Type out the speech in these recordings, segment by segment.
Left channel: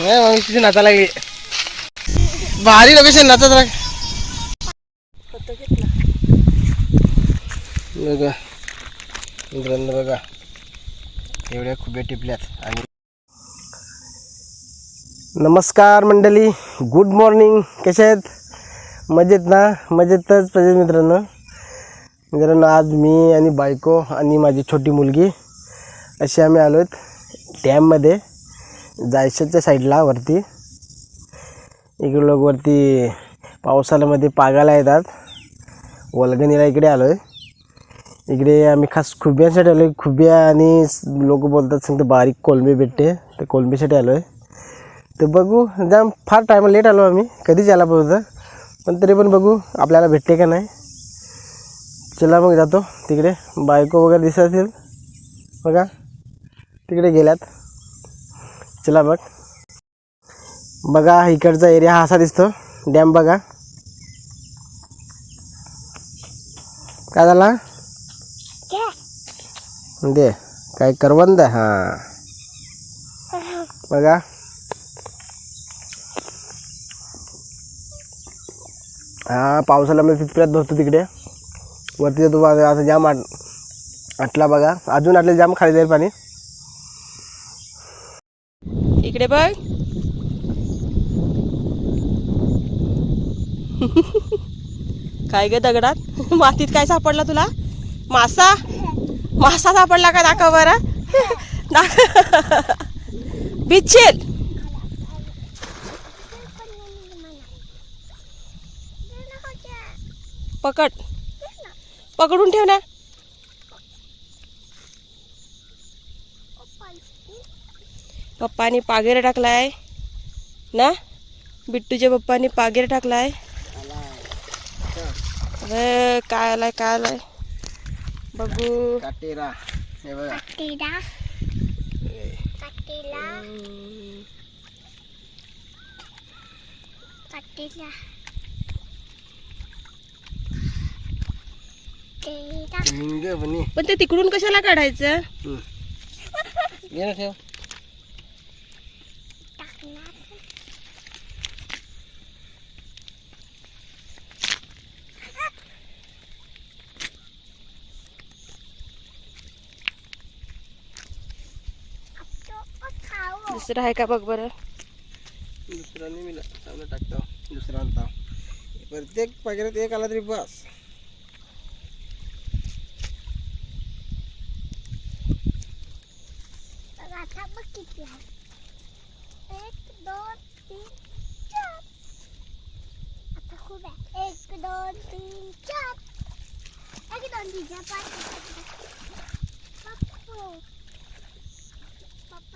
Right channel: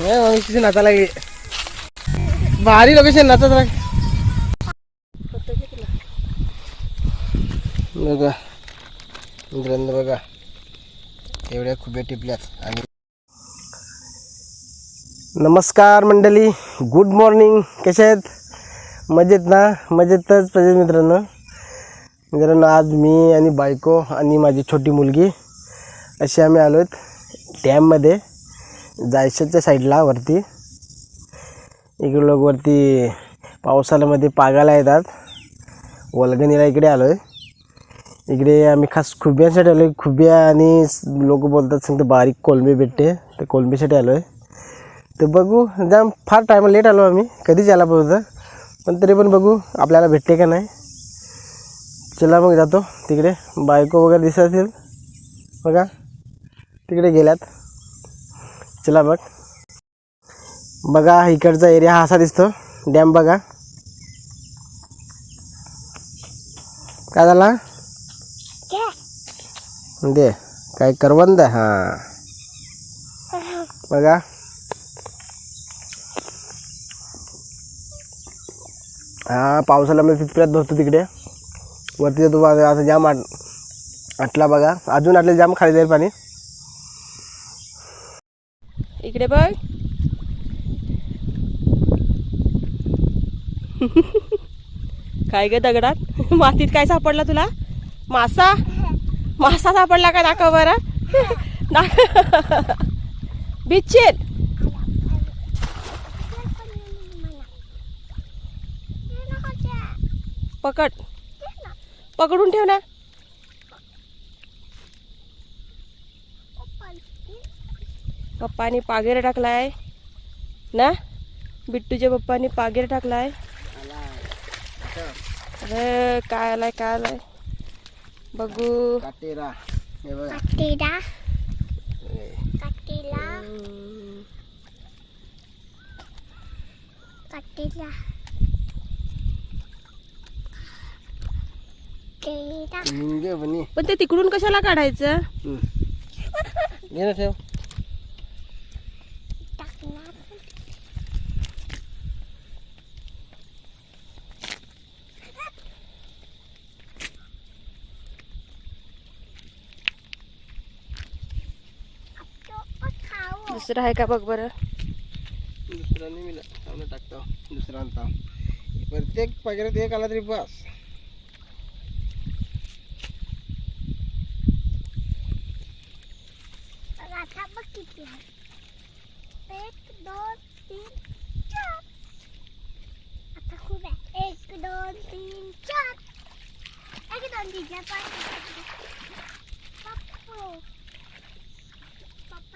नाही नाचा लागली. भारी लोकेशन नाचत राग बघा. मित्रांनो बघा. एवढ्या खुब्या टिपल्यात. आणि नमस्कार मंडळी. गुड मॉर्निंग कसे आहेत? मजेत ना? मजेतच पाहिजे मित्रांनो. मित्रांनो आज मी आणि बायको आणि माझी छोटी मुलगी अशी आम्ही आलो आहेत डॅममध्ये. जायशाच्या साईडला वरती. इकडे लोक वरती पावसाळ्यामध्ये पागायला येतात. वलगणीला इकडे आलो आहे इकडे आम्ही खास खुब्यांसाठी आलो आहे खुब्या आणि लोक बोलतात सांगते बारीक कोलंबी भेटते. तर कोलंबीसाठी आलो आहे तर बघू जाम फार टाईम लेट आलो आम्ही. कधीच यायला पाहिजे पण तरी पण बघू आपल्याला भेटते का नाही. चला मग जातो. तिकडे बायको वगैरे दिसत असेल. बघा. तिकडे गेल्यात. चला बघ. बघा इकडचा एरिया हा असा दिसतो. डॅम बघा. काय झाला? दे. काय करवंद आहे? हां. बघा. हा पावसाला मी पिपऱ्यात भरतो तिकडे. वरती जातो असं जाम आट आटला बघा. अजून आटले जाम खाली जाईल पाणी. इकडे बघ. काय ग दगडात? मातीत काय सापडला तुला? मासा? मासा सापडला का दाखव बरं? दाख बिच्छेल. पकड. पकडून ठेव ना. पप्पानी पागेर टाकलाय. ना? बिट्टूच्या पप्पानी पागेर टाकलाय. अरे काय आलाय काय आलाय बघू. हे. पण ते तिकडून कशाला काढायचं? घे ना ठेव. दुसरं आहे का बघ बरं दुसरा नाही मिळाला चांगलं टाकतो दुसरा आणता प्रत्येक पाकिटात एक आला तरी बस rasa begitu ya. एक दोन तीन चार आता खूप आहे एक दोन तीन चार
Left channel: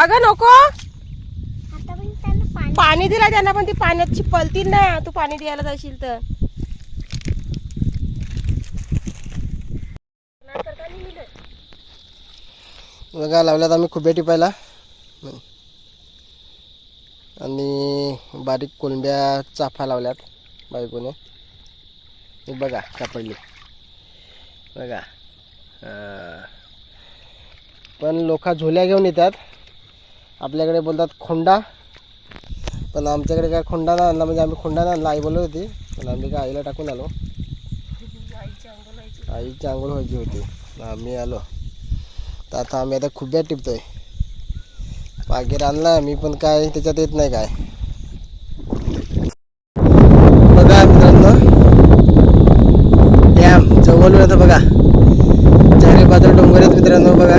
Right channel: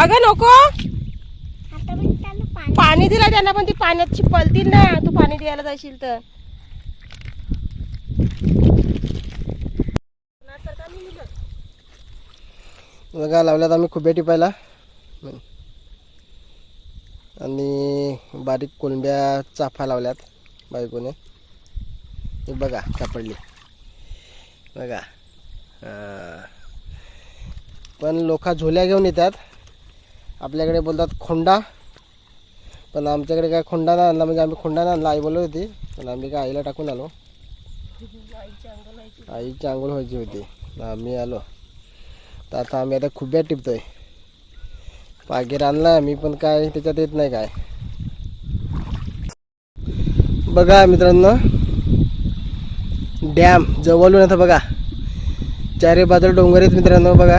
अगं नको. आता पण त्यांना पाणी पाणी दिला त्यांना पण ती पाण्यात चिपलतील ना. तू पाणी द्यायला जाशील तर. बघा लावल्यात आम्ही खुबे टिपायला. आणि बारीक कोलंब्या चाफा लावल्यात बायकोने. हे बघा सापडली. बघा. पण लोक झोल्या घेऊन येतात. आपल्याकडे बोलतात खोंडा. पण आमच्याकडे काय खोंडा नाही आणला म्हणजे आम्ही खोंडा नाही आणला आई बोलत होती. पण आम्ही काय आईला टाकून आलो. आईची आंघोळ व्हायची होती. आम्ही आलो. तर आता आम्ही आता खुब्या टिपतोय. पागीर आणला मी पण काय त्याच्यात येत नाही काय. बघा मित्रांनो. डॅम जवळून आता बघा. चारी बाजूला डोंगर आहेत मित्रांनो बघा.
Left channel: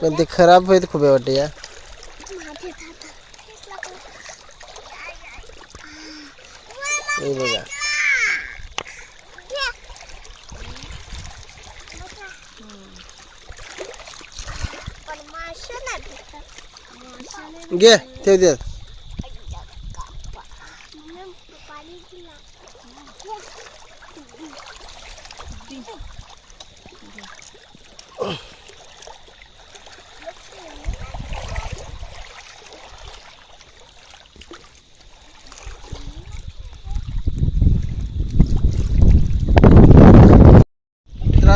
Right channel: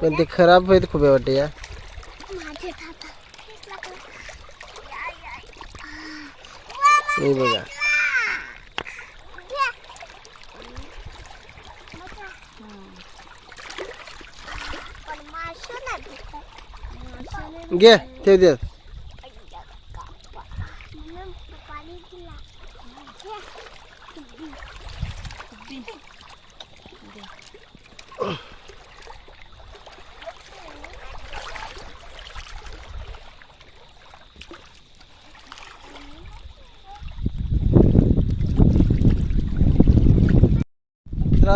पण ते खराब आहेत खूप वाटते या. हे बघा. घे ठेव दे म्हणून पाणी दिला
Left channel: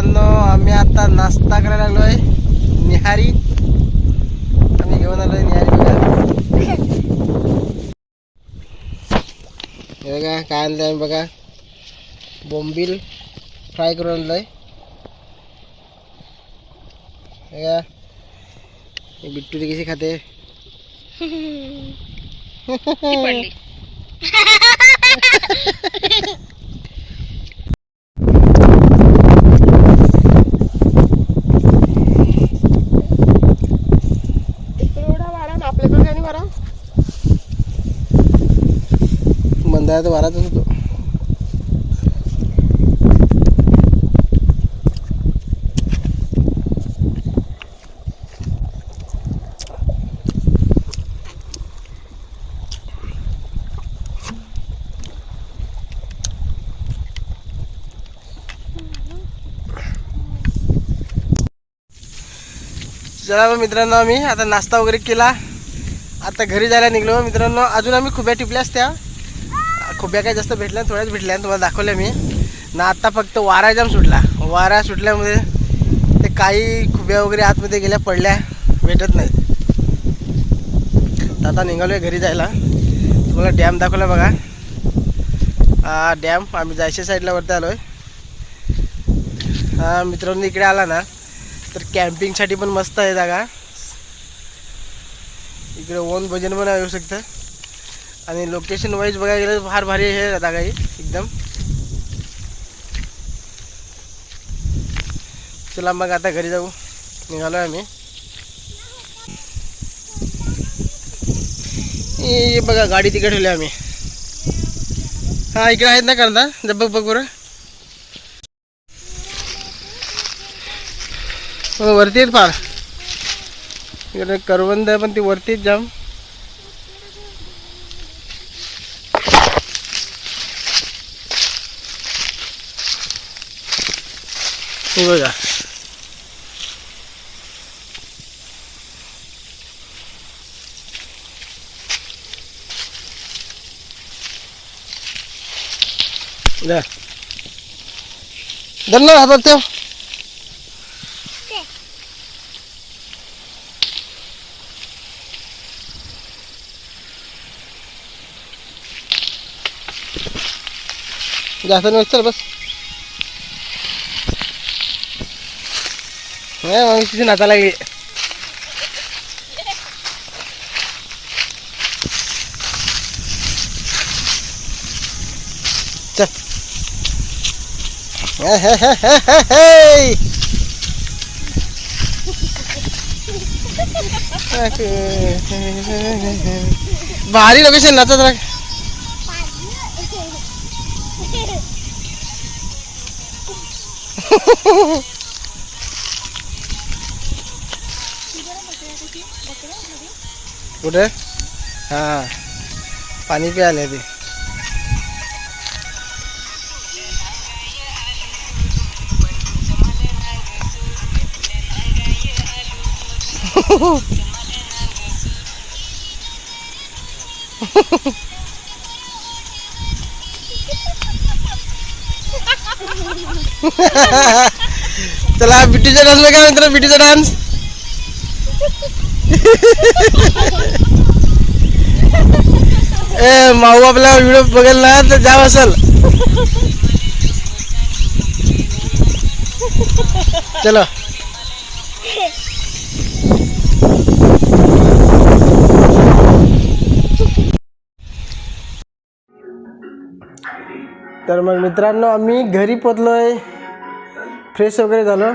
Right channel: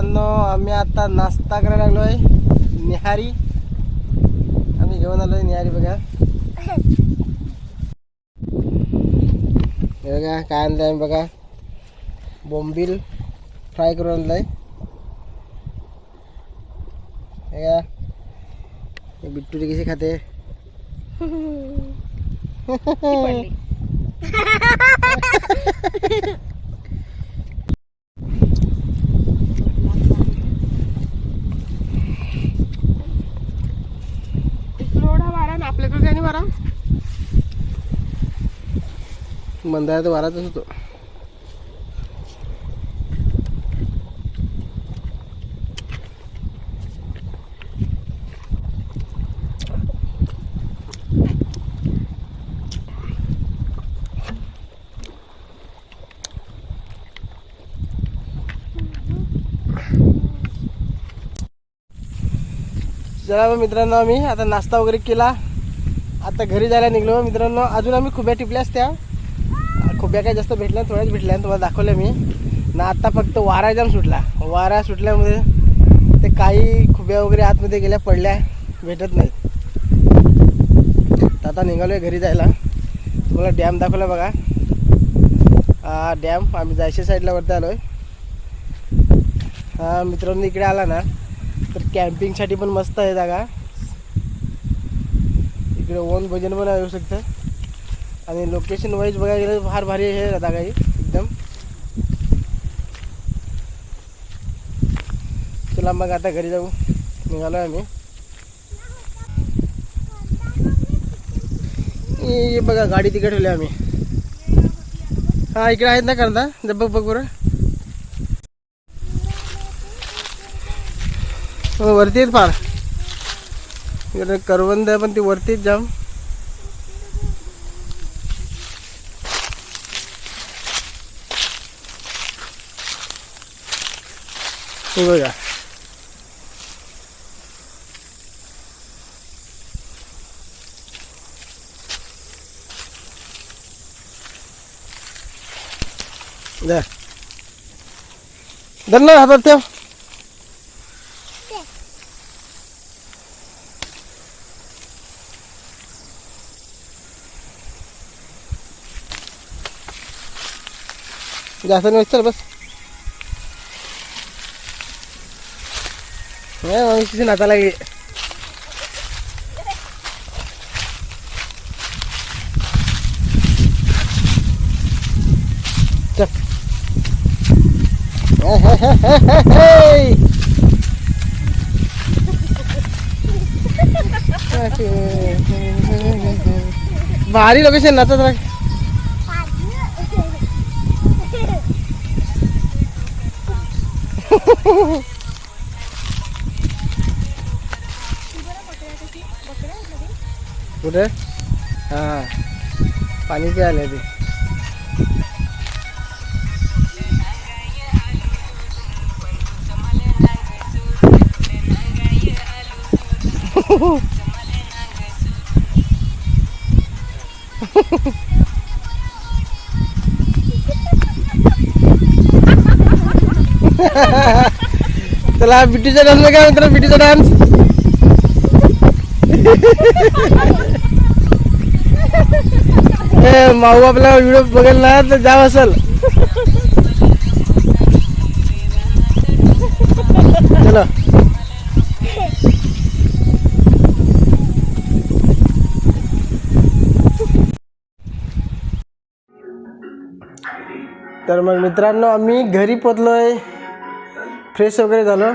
मित्रांनो आम्ही आता नाश्ता करायला लागलोय. निहारी. आम्ही घेऊन आलोय निहारी बघा. हे बघा काय आणलंय आम्ही बघा. बोंबील फ्राय करून आणलंय. हे बघा. बिट्टुरी कशी खाते? मंदारात वारातच होतो. चला मग मित्रांनो आम्ही आता नाश्ता वगैरे केला. आता घरी जायला निघलो. मित्रांनो अजून आम्ही खुब्या टिपल्या असत्या. खुब्या काय जास्त भेटल्या थोड्याच भेटल्या तुम्हाला दाखवल्या मी. ना आत्ता फक्त वारा जाम सुटला. वारा सुटल्यामुळे ते काही खुब्या वगैरे आतमध्ये गेल्या पडल्या भेटत नाहीत. तर आता निघालो आहे घरी जायला. तुम्हाला डॅम दाखवला बघा. हा डॅम. आम्ही जायच्या साईडला वरती आलो आहे हा मित्रांनो इकडे आला ना तर कॅम्पिंगसाठी पण मस्त आहे जागा. इकडे ओन भजन पण येऊ शकतं. आणि लोकेशन वाईज बघायला गेलं तर फार भारी आहे जागा ही एकदम. चला मग आता घरी जाऊ. निघालो आम्ही. बघा गाडी तिकडे ठेवली आम्ही. हा इकडे आहेत ना करता जब बघ बघ बरं. हो वरती आहेत फार. इकडे करवंद पण ती वरतीच जाम. हे बघा धर धर ना हातात ठेव जास्त नाही चल बस नाही मग तिथे नाता लागली चल हे, हे, हे, हे, हे, हे. भारी लोकेशन नाचत राख कुठे? हां. पाणी प्यायला ते चला बिटीचा डान्स बघा मित्र बिटीचा डान्स ए माऊ आपला व्हिडिओ बघेल ना तर जाव असेल चलो. तर मग मित्रांनो आम्ही घरी पोचलो आहे फ्रेश वगैरे झालो.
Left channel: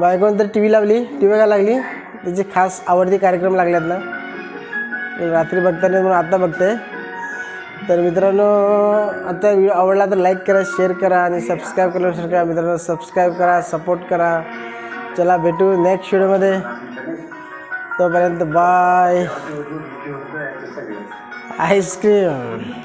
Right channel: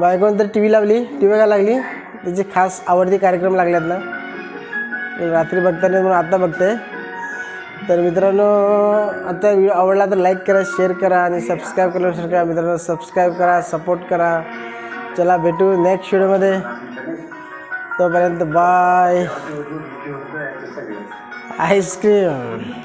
बायकोन तर टी व्ही लावली टी व्ही का लागली. त्याचे खास आवडते कार्यक्रम लागल्यात ना. रात्री बघताना म्हणून आत्ता बघते. तर मित्रांनो आता व्हिडिओ आवडला तर लाईक करा शेअर करा आणि सबस्क्राईब करायला विसरू करा. मित्रांनो सबस्क्राईब करा सपोर्ट करा. चला भेटू नेक्स्ट व्हिडिओमध्ये तोपर्यंत बाय आईस्क्रीम